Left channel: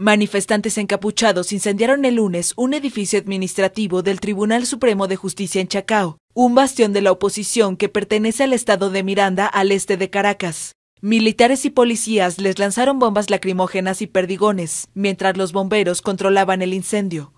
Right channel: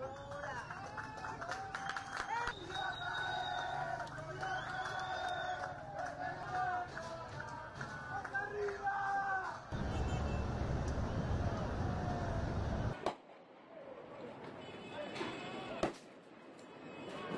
Manifestantes encapuchados incendiaron el lunes un edificio administrativo del Tribunal Supremo de Justicia en Chacao, un bastión de la oposición que pertenece al estado de Miranda, al este de Caracas. Militares y policías les lanzaron bombas lacrimógenas y perdigones, mientras los bomberos controlaban el incendio.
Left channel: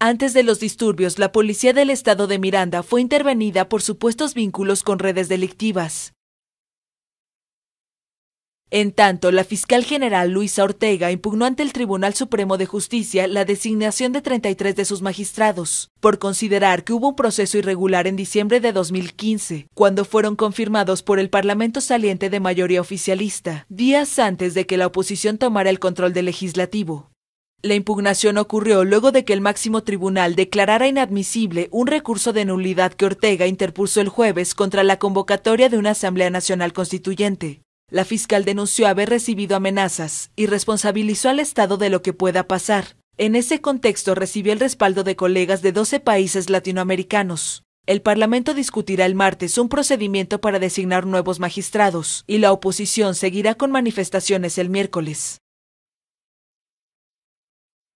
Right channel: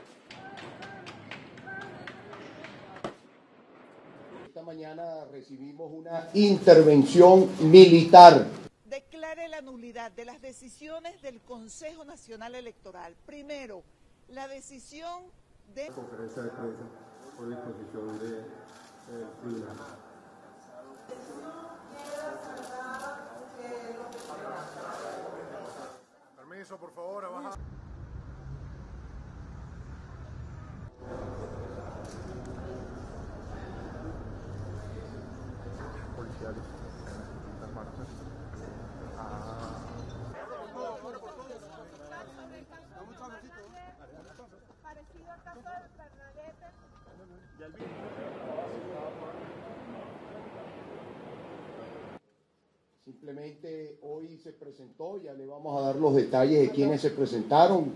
Antes de los disturbios, la policía del estado de Miranda fue intervenida por supuestos vínculos con redes delictivas. Intervención militar. En tanto, la fiscal general Luisa Ortega impugnó ante el Tribunal Supremo de Justicia la designación de 33 de sus magistrados, por considerar que hubo un proceso irregular en diciembre de 2015, cuando fueron confirmados por el Parlamento saliente de mayoría oficialista, días antes de que la oposición tomara el control del legislativo. La impugnación ocurrió luego de que el máximo tribunal declarara inadmisible un recurso de nulidad que Ortega interpuso el jueves contra la convocatoria de una Asamblea Nacional Constituyente. La fiscal denunció haber recibido amenazas y responsabilizó al Estado de lo que pueda pasar. En ese contexto recibió el respaldo de colegas de 12 países latinoamericanos. El Parlamento discutirá el martes un procedimiento para designar nuevos magistrados y la oposición seguirá con manifestaciones el miércoles. Vamos a dar los detalles de quienes se presentaron.